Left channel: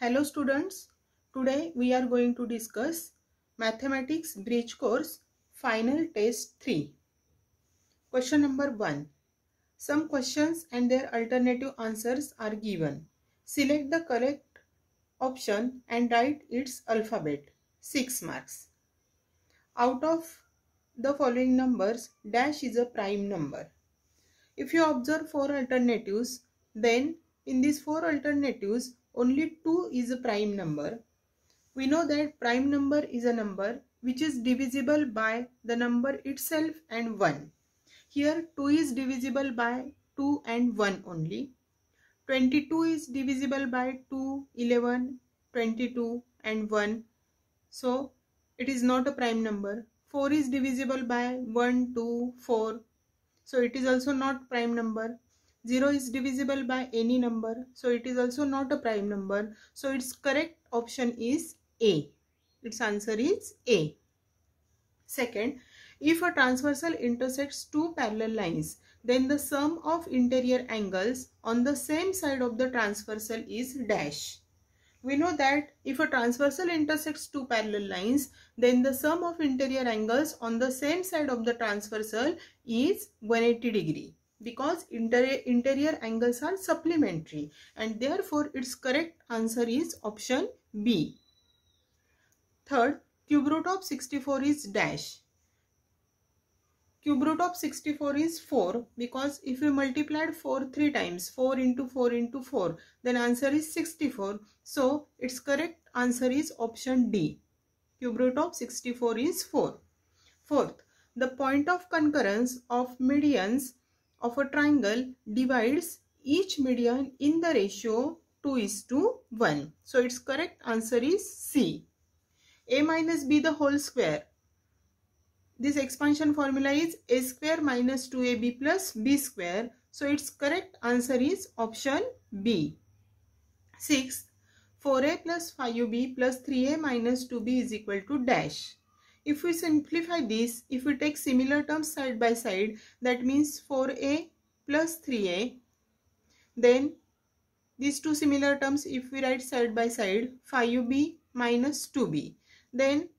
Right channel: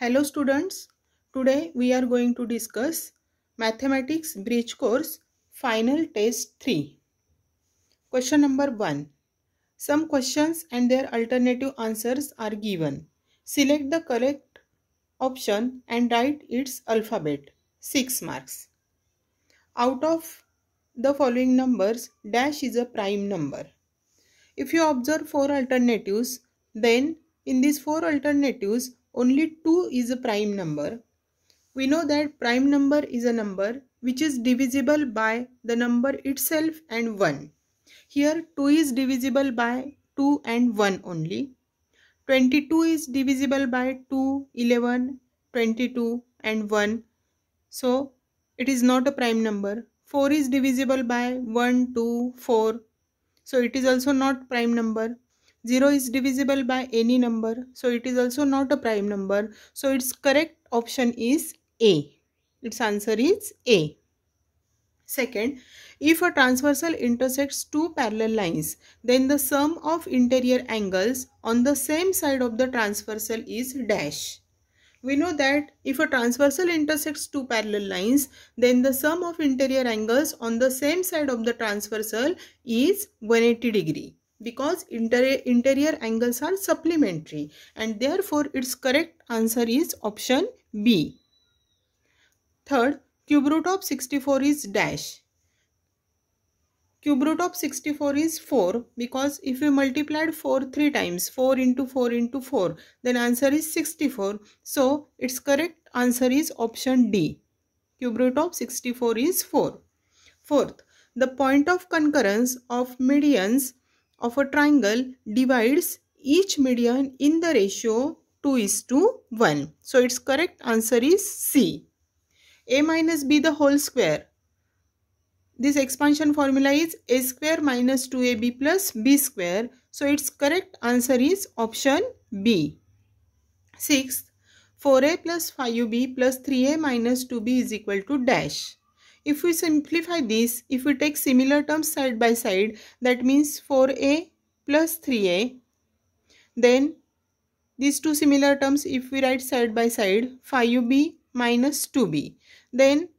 Hello students, today we are going to discuss Mathematics Bridge Course Final Test 3. Question number 1. Some questions and their alternative answers are given. Select the correct option and write its alphabet. 6 marks. Out of the following numbers, dash is a prime number. If you observe 4 alternatives, then in these 4 alternatives, only 2 is a prime number. We know that prime number is a number which is divisible by the number itself and 1. Here 2 is divisible by 2 and 1 only. 22 is divisible by 2, 11, 22 and 1. So it is not a prime number. 4 is divisible by 1, 2, 4. So it is also not prime number. 0 is divisible by any number. So it is also not a prime number. So its correct option is A. Its answer is A. Second, if a transversal intersects two parallel lines, then the sum of interior angles on the same side of the transversal is dash. We know that if a transversal intersects two parallel lines, then the sum of interior angles on the same side of the transversal is 180 degree because interior angles are supplementary and therefore its correct answer is option B. Third, cube root of 64 is dash. Cube root of 64 is 4 because if we multiplied 4 3 times, 4 into 4 into 4, then answer is 64. So its correct answer is option D. Cube root of 64 is 4. Fourth, the point of concurrence of medians of a triangle divides each median in the ratio 2:1. So its correct answer is C. A minus B the whole square. This expansion formula is a square minus 2ab plus b square. So its correct answer is option B. Sixth, 4a plus 5b plus 3a minus 2b is equal to dash. If we simplify this, if we take similar terms side by side, that means 4a plus 3a. Then these two similar terms, if we write side by side, 5b minus 2b. Then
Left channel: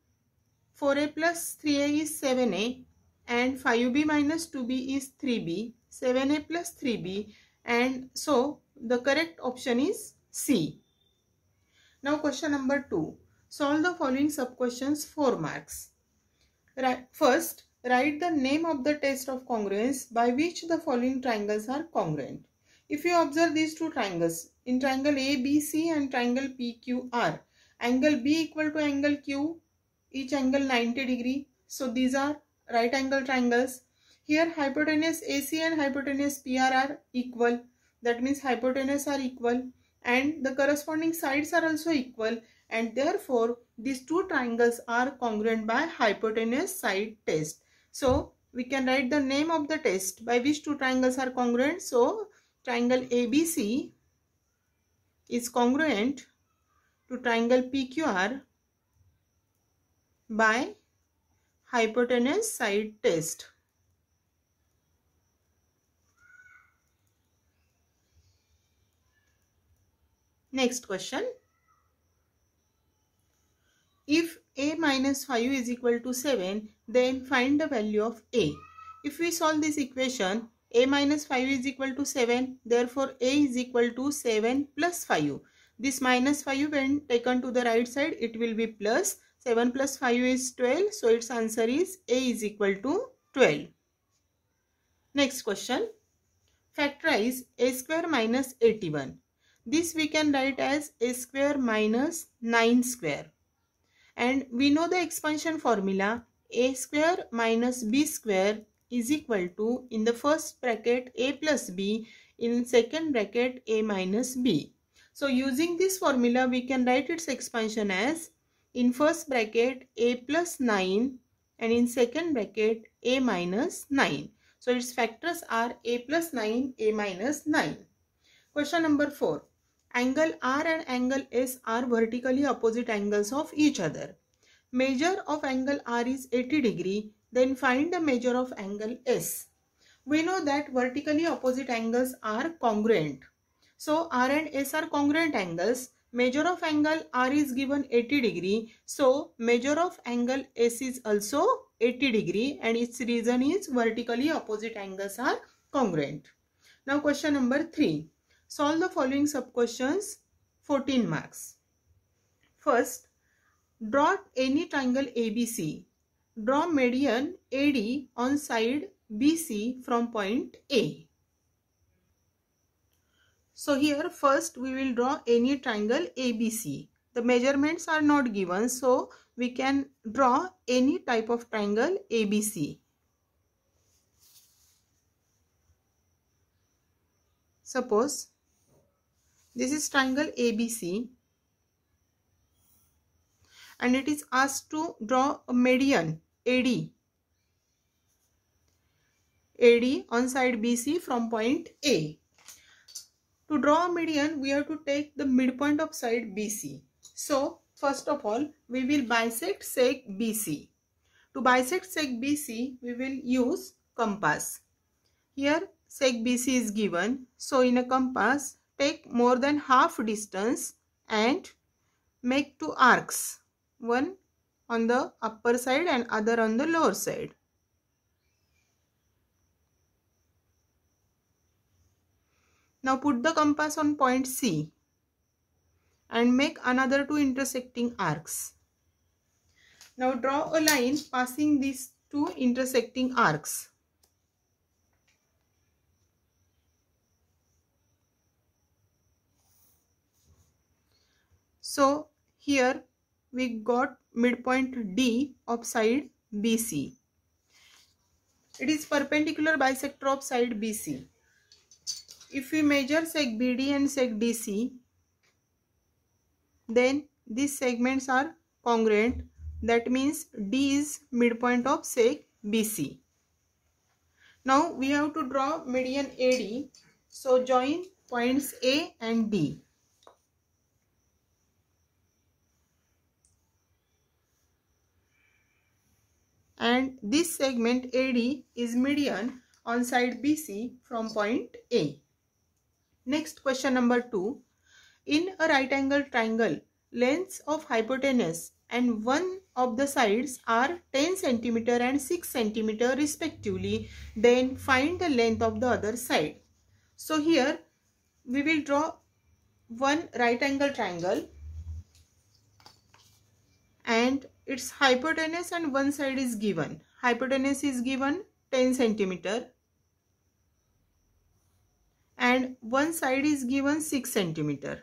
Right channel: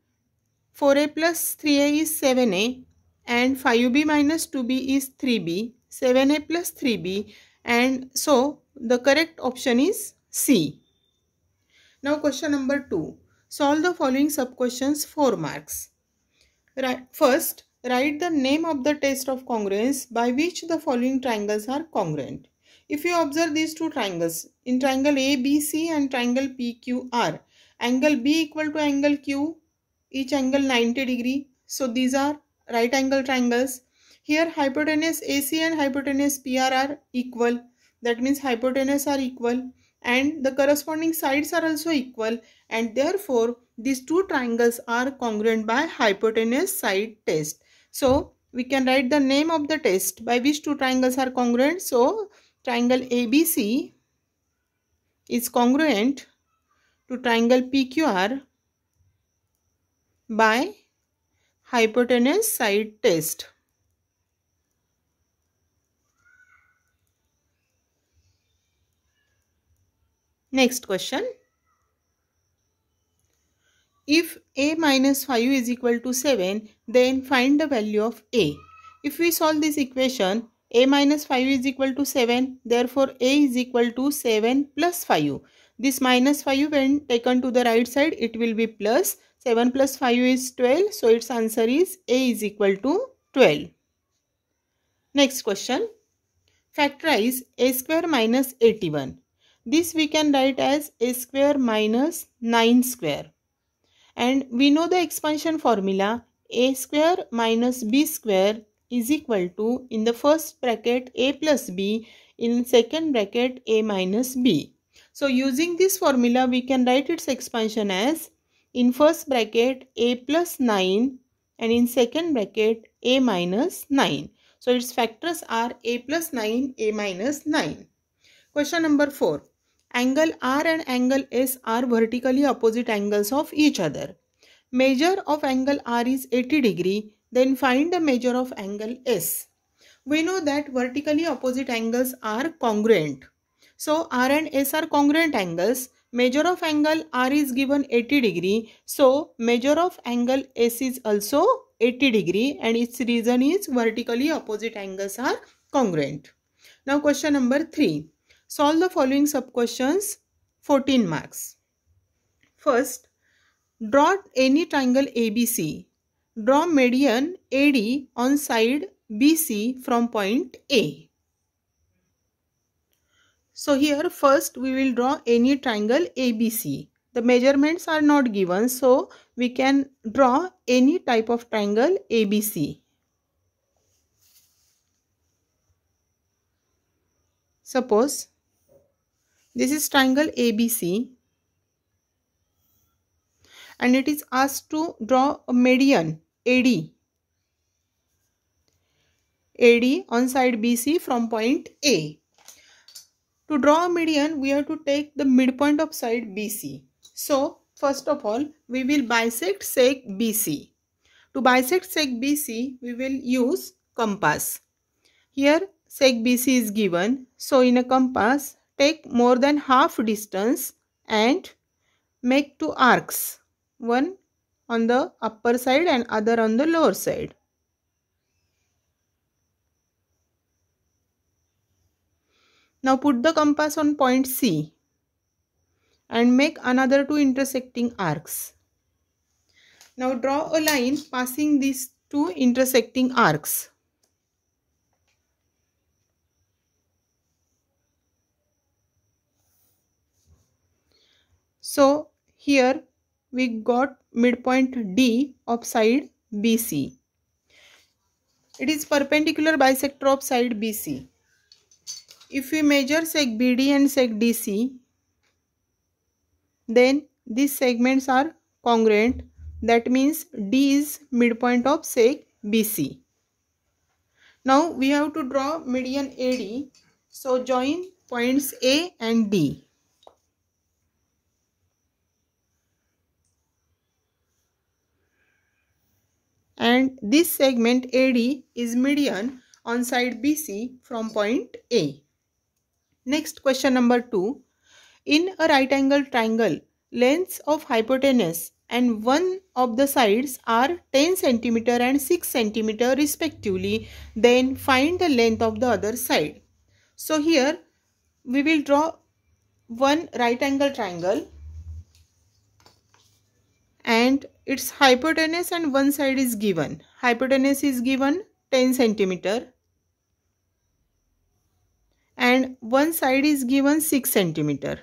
4a plus 3a is 7a and 5b minus 2b is 3b, 7a plus 3b, and so the correct option is C. Now question number 2. Solve the following sub-questions 4 marks. First, write the name of the test of congruence by which the following triangles are congruent. If you observe these two triangles, in triangle ABC and triangle PQR, angle B equal to angle Q, each angle 90 degree. So these are right angle triangles. Here hypotenuse AC and hypotenuse PR are equal. That means hypotenuse are equal and the corresponding sides are also equal, and therefore these two triangles are congruent by hypotenuse side test. So we can write the name of the test by which two triangles are congruent. So triangle ABC is congruent to triangle PQR by hypotenuse side test. Next question. If a minus 5 is equal to 7, then find the value of a. If we solve this equation, a minus 5 is equal to 7, therefore a is equal to 7 plus 5. This minus 5 when taken to the right side, it will be plus. 7 plus 5 is 12, so its answer is a is equal to 12. Next question. Factorize a square minus 81. This we can write as a square minus 9 square. And we know the expansion formula, a square minus b square is equal to, in the first bracket a plus b, in second bracket a minus b. So using this formula we can write its expansion as, in first bracket a plus 9 and in second bracket a minus 9. So its factors are a plus 9, a minus 9. Question number 4. Angle R and angle S are vertically opposite angles of each other. Measure of angle R is 80 degree. Then find the measure of angle S. We know that vertically opposite angles are congruent. So R and S are congruent angles. measure of angle R is given 80 degree. So measure of angle S is also 80 degree and its reason is vertically opposite angles are congruent. Now question number 3. Solve the following sub questions, 14 marks. First, draw any triangle ABC. Draw median AD on side BC from point A. So here first we will draw any triangle ABC. The measurements are not given, so we can draw any type of triangle ABC. Suppose this is triangle ABC and it is asked to draw a median AD on side BC from point A. To draw a median, we have to take the midpoint of side BC. So, first of all, we will bisect sec BC. To bisect sec BC, we will use compass. Here, sec BC is given. So, in a compass, take more than half distance and make two arcs. One on the upper side and other on the lower side. Now put the compass on point C and make another two intersecting arcs. Now draw a line passing these two intersecting arcs. So here we got midpoint D of side BC. It is perpendicular bisector of side BC. If we measure sec BD and sec DC, then these segments are congruent. That means D is midpoint of sec BC. Now we have to draw median AD. So join points A and D. And this segment AD is median on side BC from point A. Next question number 2. In a right angle triangle, lengths of hypotenuse and one of the sides are 10 cm and 6 cm respectively. Then find the length of the other side. So here we will draw one right angle triangle and its hypotenuse and one side is given. Hypotenuse is given 10 cm and one side is given 6 cm.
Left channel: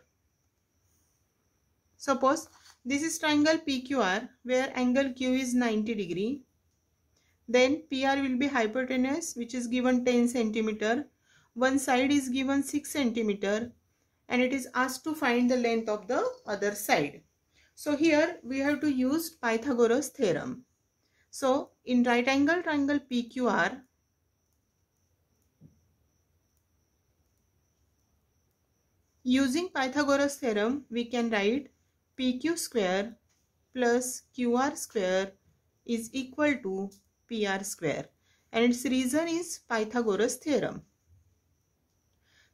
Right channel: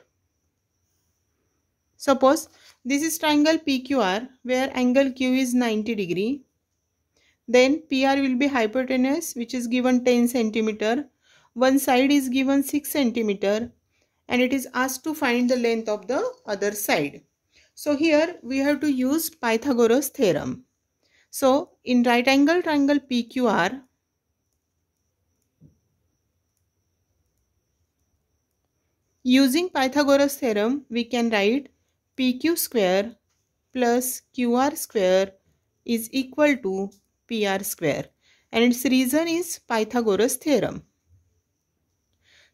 Suppose this is triangle PQR where angle Q is 90 degree. Then PR will be hypotenuse which is given 10 cm. One side is given 6 cm and it is asked to find the length of the other side. So here we have to use Pythagoras theorem. So in right angle triangle PQR, using Pythagoras theorem we can write PQ square plus QR square is equal to PR square and its reason is Pythagoras theorem.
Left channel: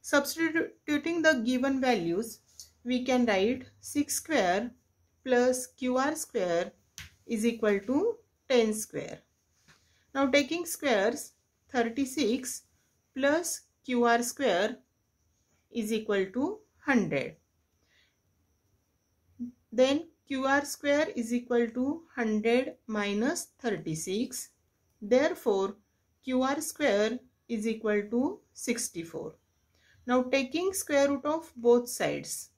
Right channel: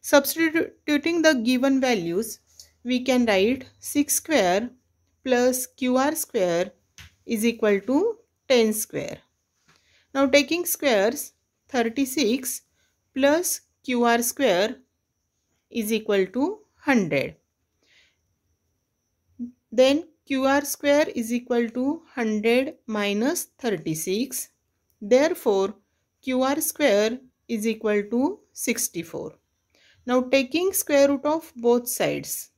Substituting the given values, we can write 6 square plus QR square is equal to 10 square. Now taking squares, 36 plus QR square is equal to 100. Then QR square is equal to 100 minus 36. Therefore, QR square is equal to 64. Now taking square root of both sides.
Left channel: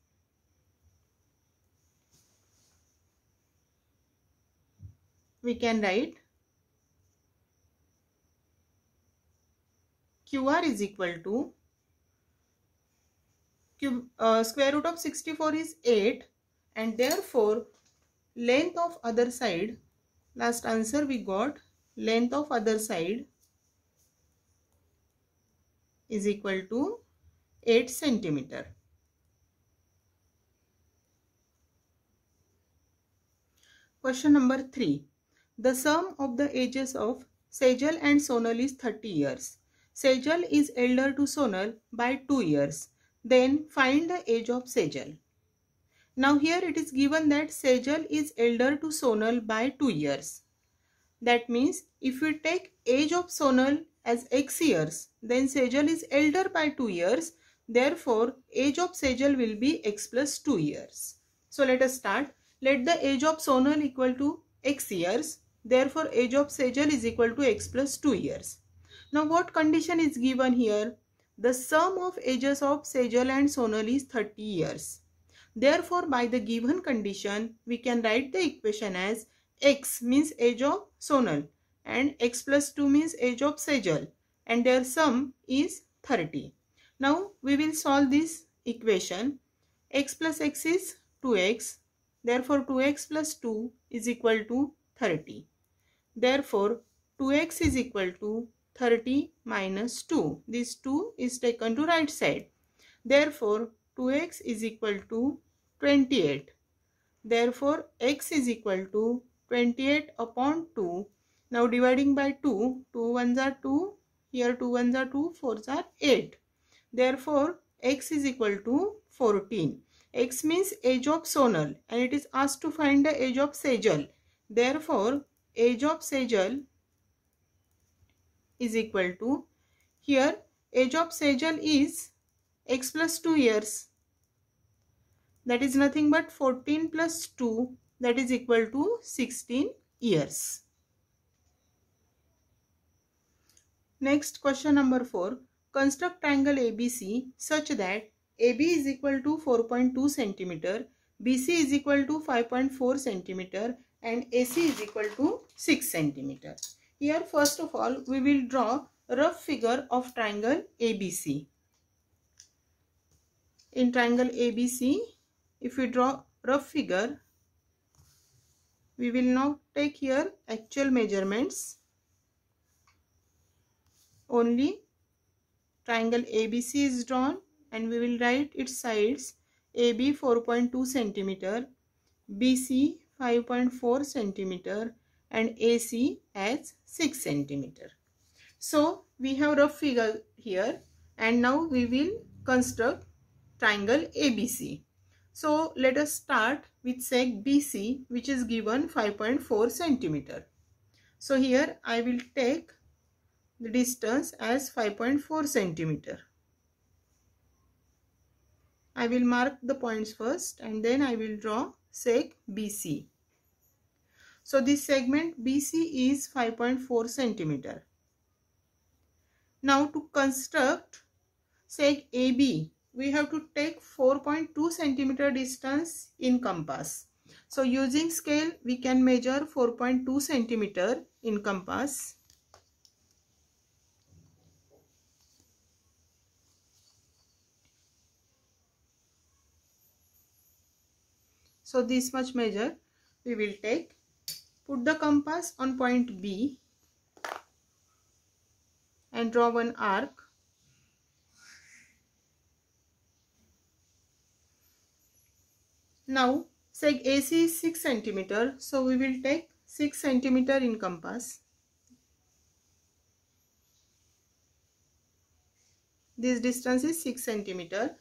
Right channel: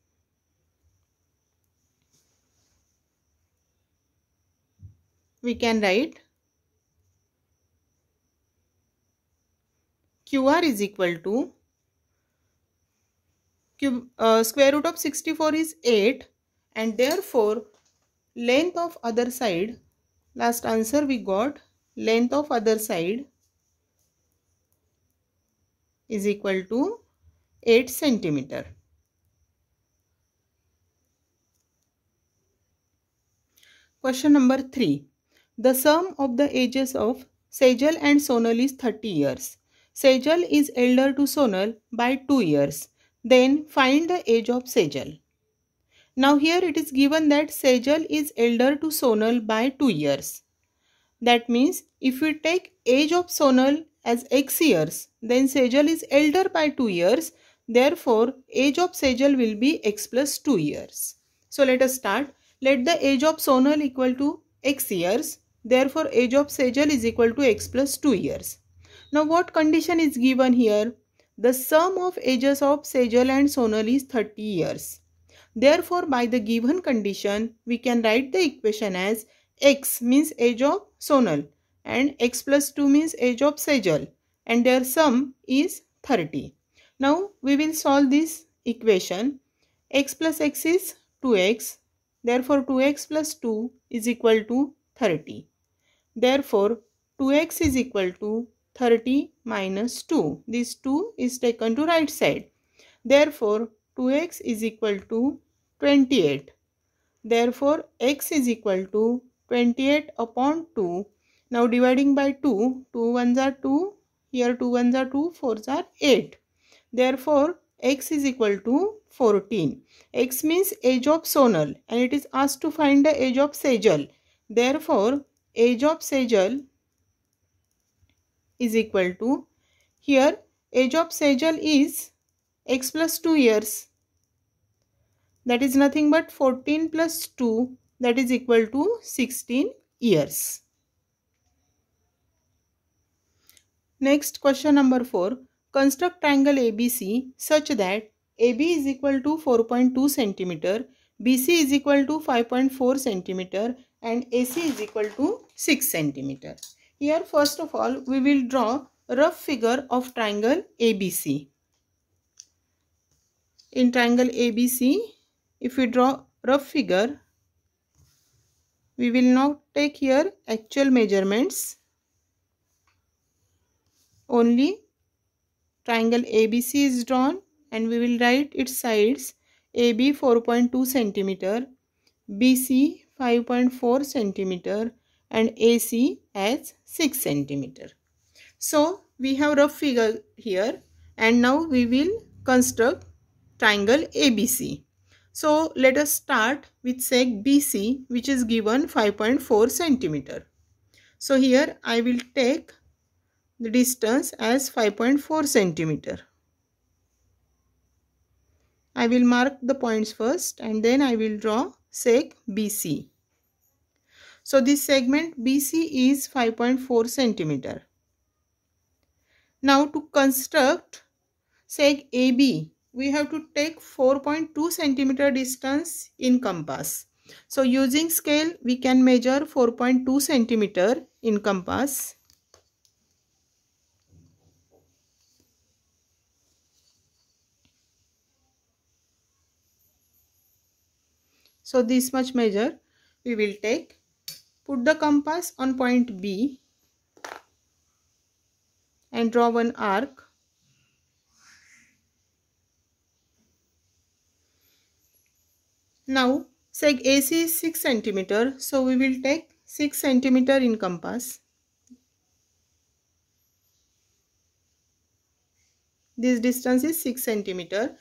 We can write QR is equal to square root of 64 is 8 and therefore length of other side, last answer we got length of other side is equal to 8 cm. Question number 3. The sum of the ages of Sejal and Sonal is 30 years. Sejal is elder to Sonal by 2 years. Then find the age of Sejal. Now here it is given that Sejal is elder to Sonal by 2 years. That means if we take age of Sonal as x years, then Sejal is elder by 2 years. Therefore, age of Sejal will be x plus 2 years. So let us start. Let the age of Sonal equal to x years. Therefore, age of Sejal is equal to x plus 2 years. Now what condition is given here? The sum of ages of Sejal and Sonal is 30 years. Therefore, by the given condition, we can write the equation as x means age of Sonal and x plus 2 means age of Sejal, and their sum is 30. Now we will solve this equation. X plus x is 2x. Therefore 2x plus 2 is equal to 30. Therefore 2x is equal to 30 minus 2. This 2 is taken to right side. Therefore 2x is equal to 28. Therefore x is equal to 28 upon 2. Now dividing by 2, 2 1s are 2, here 2 1s are 2, 4s are 8. Therefore x is equal to 14. X means age of Sonal and it is asked to find the age of Sejal. Therefore age of Sejal is equal to, here age of Sejal is x plus 2 years. That is nothing but 14 plus 2, that is equal to 16 years. Next, question number 4. Construct triangle ABC such that AB is equal to 4.2 cm, BC is equal to 5.4 cm and AC is equal to 6 cm. Here first of all we will draw a rough figure of triangle ABC. In triangle ABC, if we draw rough figure, we will now take here actual measurements. Only triangle ABC is drawn and we will write its sides. AB 4.2 cm, BC 5.4 cm and AC as 6 cm. So we have rough figure here and now we will construct triangle ABC. So let us start with seg BC, which is given 5.4 cm. So here I will take the distance as 5.4 cm. I will mark the points first and then I will draw seg BC. So this segment BC is 5.4 cm. Now to construct seg AB, we have to take 4.2 cm distance in compass. So using scale, we can measure 4.2 cm in compass. So this much measure we will take. Put the compass on point B and draw one arc. Now seg AC is 6 cm, so we will take 6 cm in compass. This distance is 6 cm.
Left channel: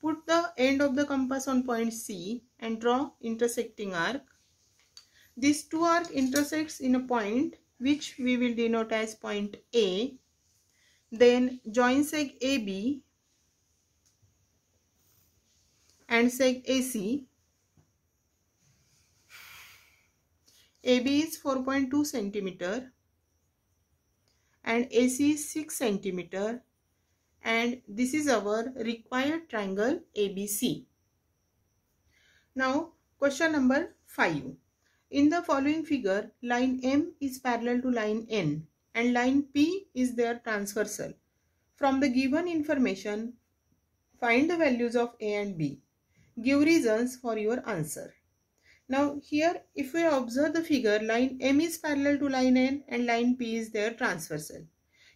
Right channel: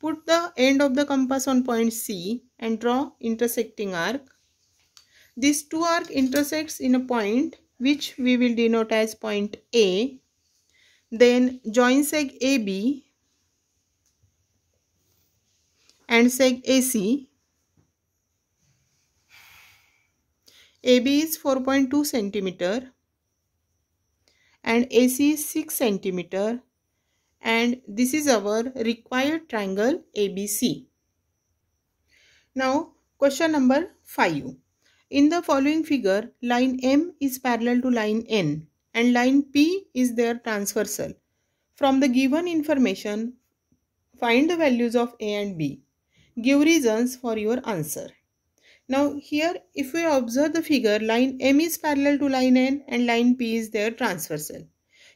Put the end of the compass on point C and draw intersecting arc. These two arcs intersects in a point which we will denote as point A. Then join seg AB and seg AC. AB is 4.2 cm and AC is 6 cm, and this is our required triangle ABC. Now question number 5. In the following figure, line M is parallel to line N and line P is their transversal. From the given information, find the values of A and B. Give reasons for your answer. Now here if we observe the figure, line M is parallel to line N and line P is their transversal.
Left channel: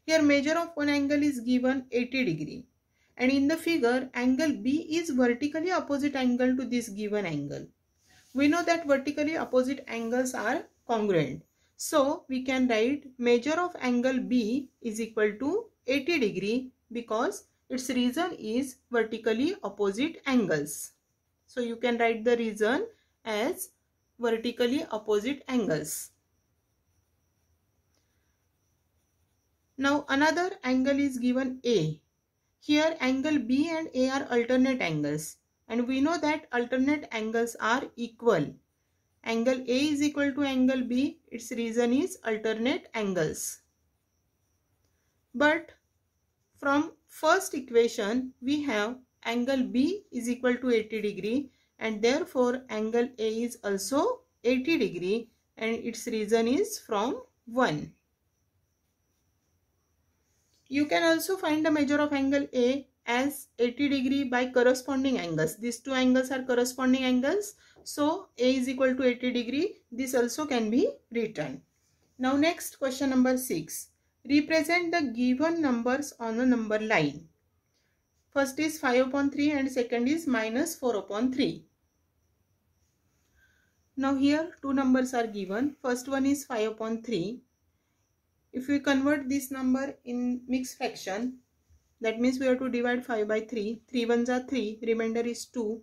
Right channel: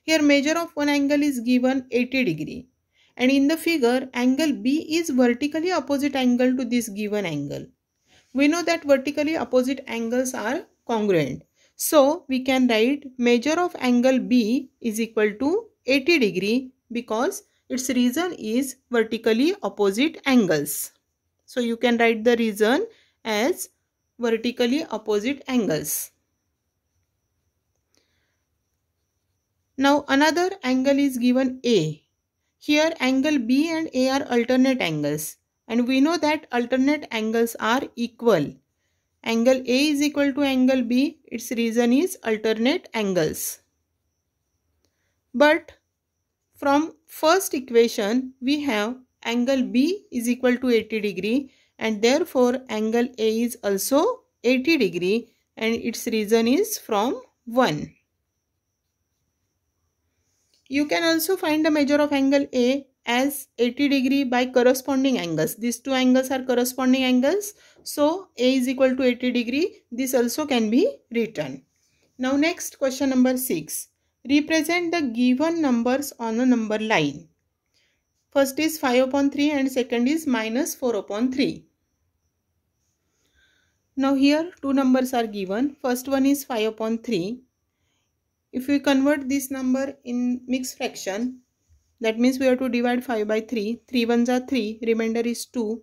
Here measure of one angle is given 80 degree and in the figure angle B is vertically opposite angle to this given angle. We know that vertically opposite angles are congruent. So we can write measure of angle B is equal to 80 degree because its reason is vertically opposite angles. So you can write the reason as vertically opposite angles. Now another angle is given A. Here angle B and A are alternate angles, and we know that alternate angles are equal. Angle A is equal to angle B. Its reason is alternate angles. But from first equation we have angle B is equal to 80 degree, and therefore angle A is also 80 degree, and its reason is from 1. You can also find the measure of angle A as 80 degree by corresponding angles. These two angles are corresponding angles. So A is equal to 80 degree. This also can be written. Now next, question number 6. Represent the given numbers on a number line. First is 5 upon 3 and second is minus 4 upon 3. Now here two numbers are given. First one is 5 upon 3. If we convert this number in mixed fraction, that means we have to divide 5 by 3. 3 ones are 3, remainder is 2.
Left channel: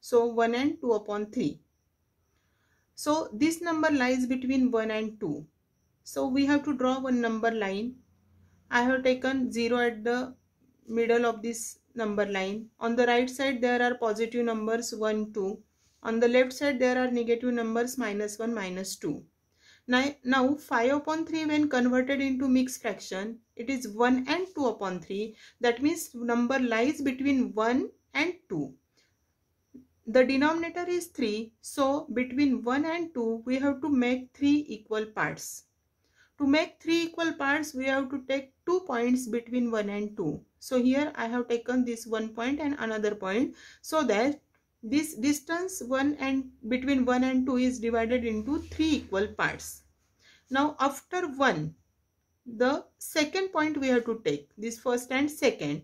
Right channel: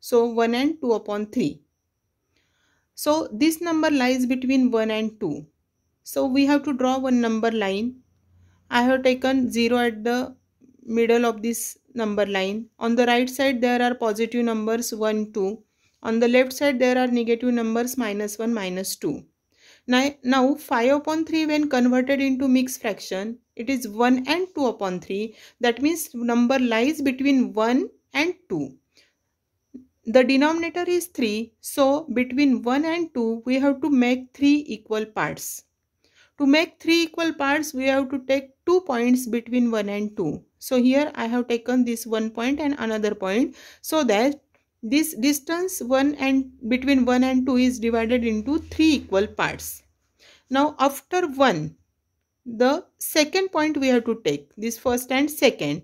So 1 and 2 upon 3. So this number lies between 1 and 2. So we have to draw one number line. I have taken 0 at the middle of this number line. On the right side there are positive numbers 1, 2. On the left side there are negative numbers minus 1, minus 2. Now 5 upon 3 when converted into mixed fraction, it is 1 and 2 upon 3. That means number lies between 1 and 2. The denominator is 3. So between 1 and 2 we have to make 3 equal parts. To make 3 equal parts we have to take 2 points between 1 and 2. So here I have taken this 1 point and another point, so that this distance between 1 and 2 is divided into 3 equal parts. Now after 1, the second point we have to take, this first and second,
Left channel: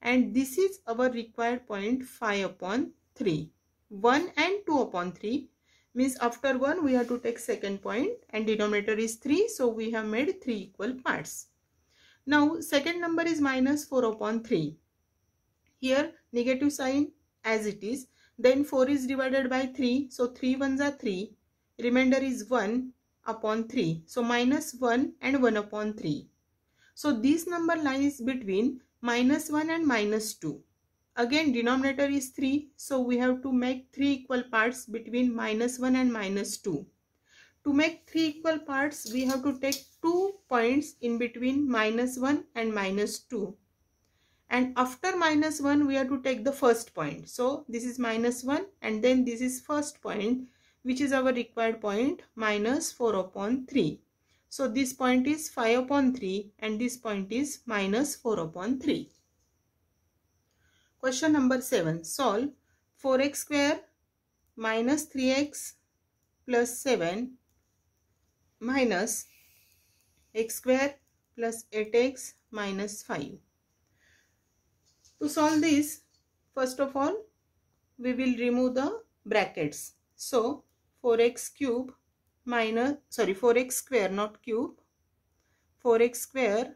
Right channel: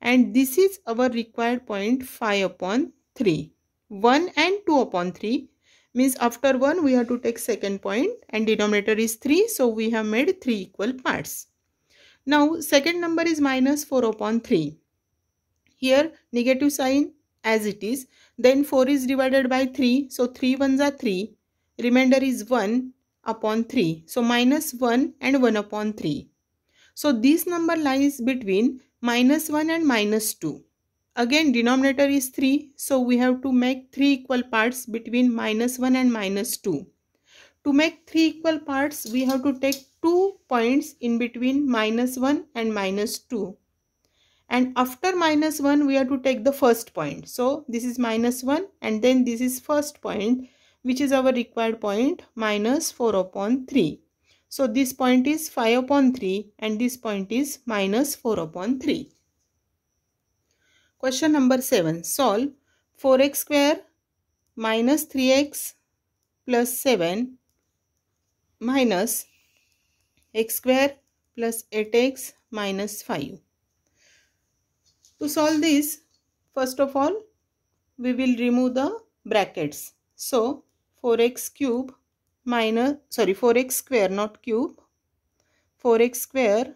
and this is our required point 5 upon 3. 1 and 2 upon 3 means after 1 we have to take second point, and denominator is 3, so we have made 3 equal parts. Now second number is minus 4 upon 3. Here negative sign as it is, then 4 is divided by 3, so 3 ones are 3, remainder is 1 upon 3, so minus 1 and 1 upon 3. So this number lies between minus 1 and minus 2. Again denominator is 3, so we have to make 3 equal parts between minus 1 and minus 2. To make 3 equal parts we have to take 2 points in between minus 1 and minus 2. And after minus 1 we have to take the first point. So this is minus 1 and then this is first point, which is our required point, minus 4 upon 3. So this point is 5 upon 3 and this point is minus 4 upon 3. Question number 7. Solve 4x square minus 3x plus 7 minus x square plus 8x minus 5. To solve this, first of all, we will remove the brackets. So 4x cube minus, 4x square, not cube, 4x square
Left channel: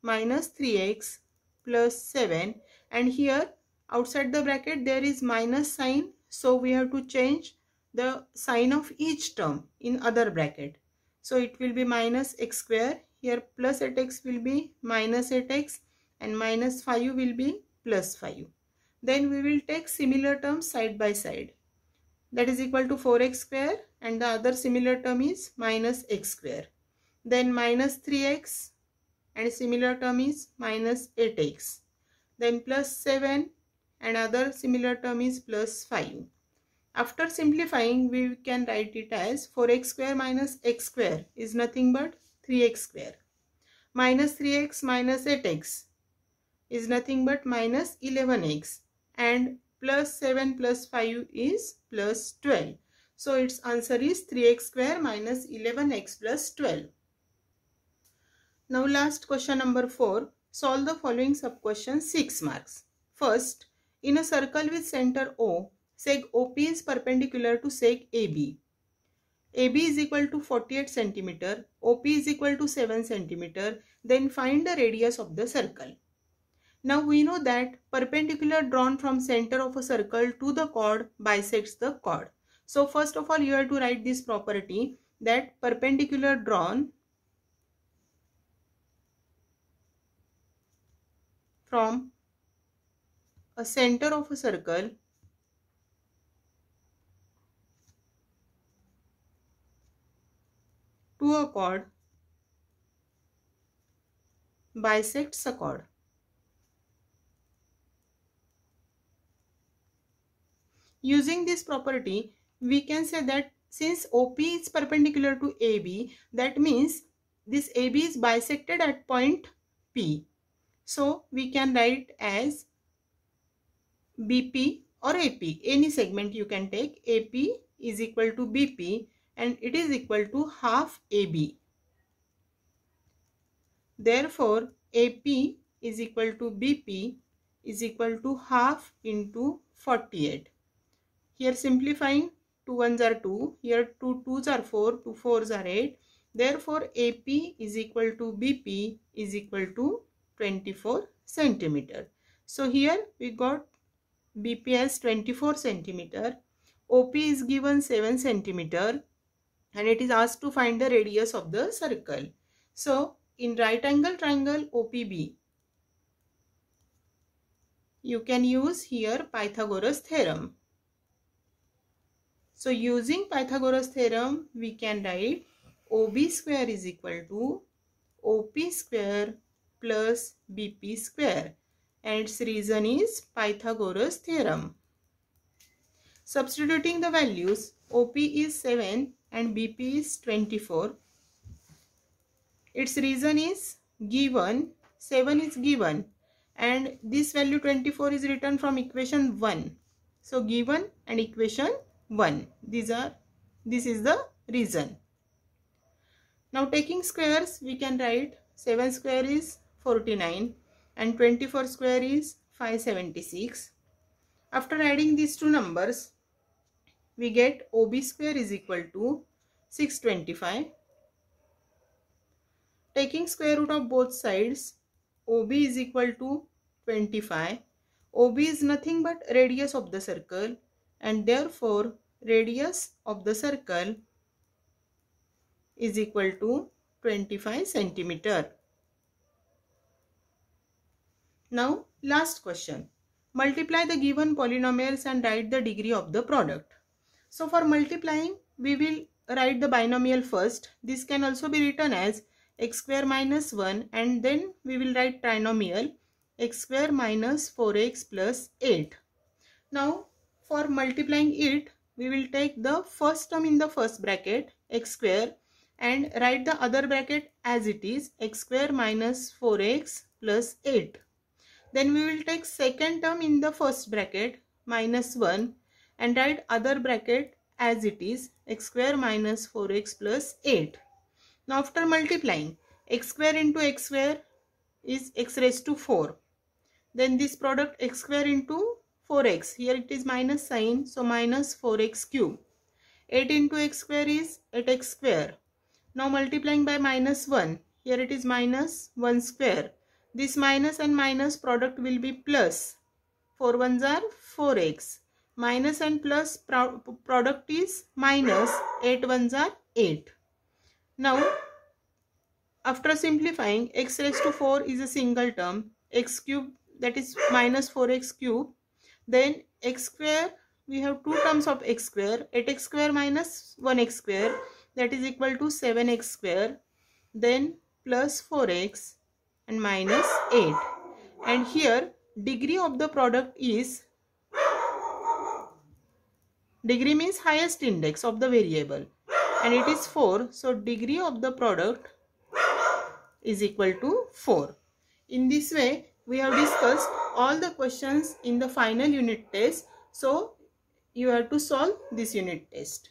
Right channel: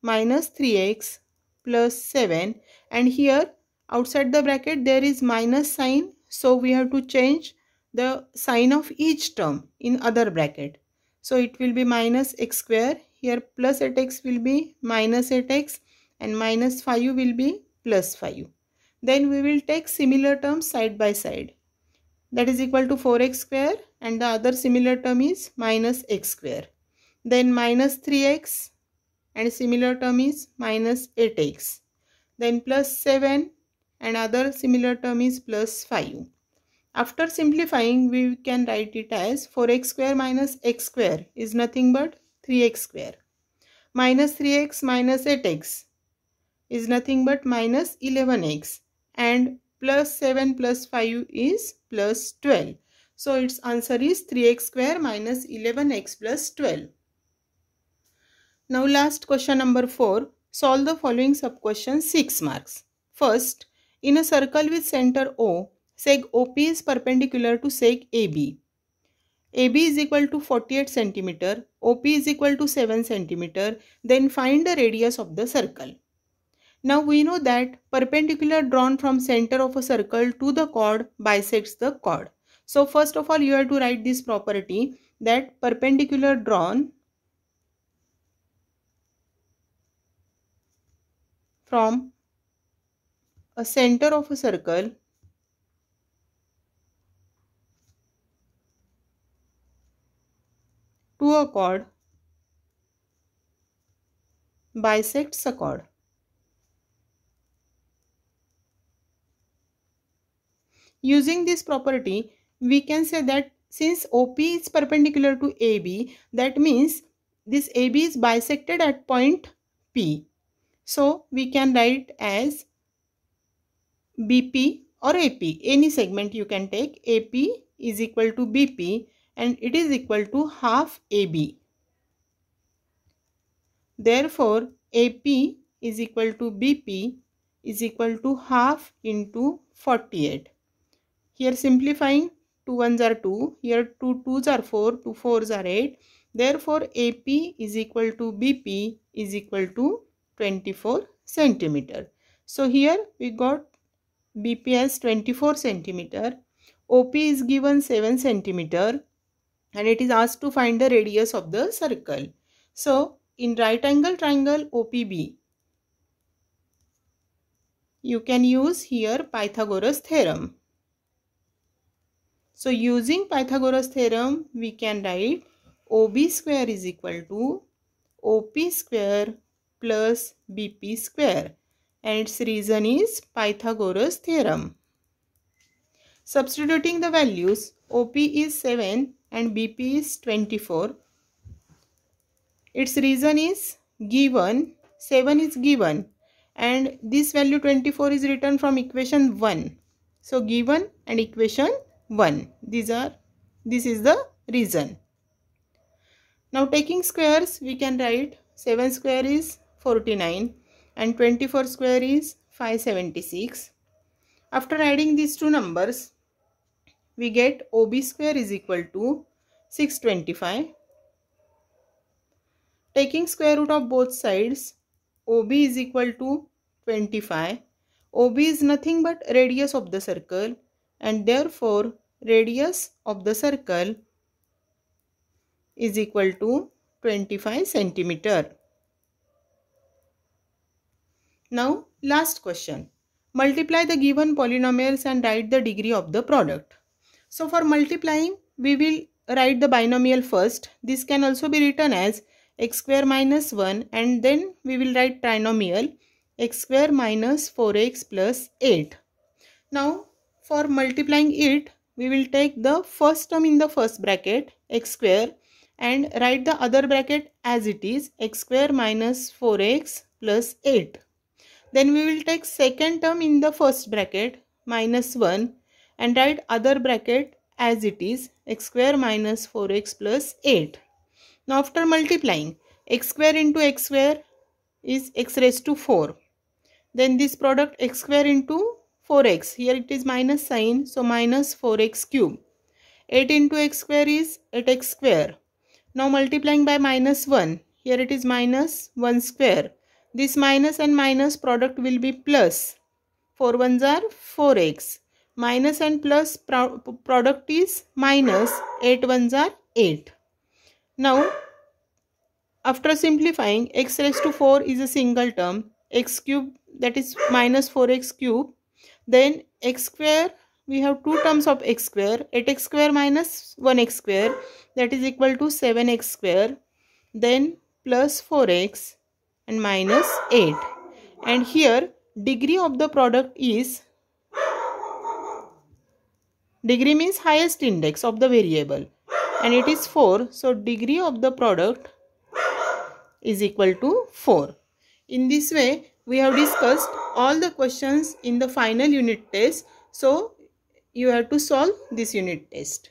minus 3x plus 7, and here outside the bracket there is minus sign, so we have to change the sign of each term in other bracket. So it will be minus x square, here plus 8x will be minus 8x, and minus 5 will be plus 5. Then we will take similar terms side by side. That is equal to 4x square, and the other similar term is minus x square. Then minus 3x, and similar term is minus 8x. Then plus 7, and other similar term is plus 5. After simplifying, we can write it as 4x square minus x square is nothing but 3x square. Minus 3x minus 8x is nothing but minus 11x, and plus 7 plus 5 is plus 12. So its answer is 3x square minus 11x plus 12. Now last question number 4. Solve the following sub-question 6 marks. First, in a circle with center O, seg OP is perpendicular to seg AB. AB is equal to 48 cm, OP is equal to 7 cm. Then find the radius of the circle. Now we know that perpendicular drawn from center of a circle to the chord bisects the chord. So first of all you have to write this property that perpendicular drawn from a center of a circle to a chord bisects a chord. Using this property, we can say that since OP is perpendicular to AB, that means this AB is bisected at point P. So we can write as BP or AP. Any segment you can take. AP is equal to BP and it is equal to half AB. Therefore, AP is equal to BP is equal to half into 48. Here simplifying, 2 ones are 2, here 2 2s are 4, 2 4s are 8. Therefore, AP is equal to BP is equal to 24 centimeter. So here we got BP as 24 centimeter, OP is given 7 centimeter and it is asked to find the radius of the circle. So in right angle triangle OPB, you can use here Pythagoras theorem. So using Pythagoras theorem, we can write OB square is equal to OP square plus BP square and its reason is Pythagoras theorem. Substituting the values, OP is 7 and BP is 24. Its reason is given, 7 is given and this value 24 is written from equation 1. So given and equation 1. This is the reason. Now taking squares, we can write 7 square is 49 and 24 square is 576. After adding these two numbers, we get OB square is equal to 625. Taking square root of both sides, OB is equal to 25. OB is nothing but radius of the circle and therefore radius of the circle is equal to 25 centimeter. Now last question. Multiply the given polynomials and write the degree of the product. So for multiplying, we will write the binomial first. This can also be written as x square minus 1 and then we will write trinomial x square minus 4x plus 8. Now for multiplying it, we will take the first term in the first bracket x square and write the other bracket as it is x square minus 4x plus 8. Then we will take second term in the first bracket minus 1 and write other bracket as it is x square minus 4x plus 8. Now after multiplying, x square into x square is x raised to 4. Then this product x square into 4x, here it is minus sign, so minus 4x cube. 8 into x square is 8x square. Now multiplying by minus 1, here it is minus 1 square. This minus and minus product will be plus. 4 ones are 4x. Minus and plus product is minus, 8 ones are 8. Now after simplifying, x raised to 4 is a single term, x cube that is minus 4x cube. Then x square, we have two terms of x square, 8x square minus 1x square that is equal to 7x square. Then plus 4x and minus 8. And here degree of the product is, degree means highest index of the variable and it is 4. So degree of the product is equal to 4. In this way, we have discussed all the questions in the final unit test. So you have to solve this unit test.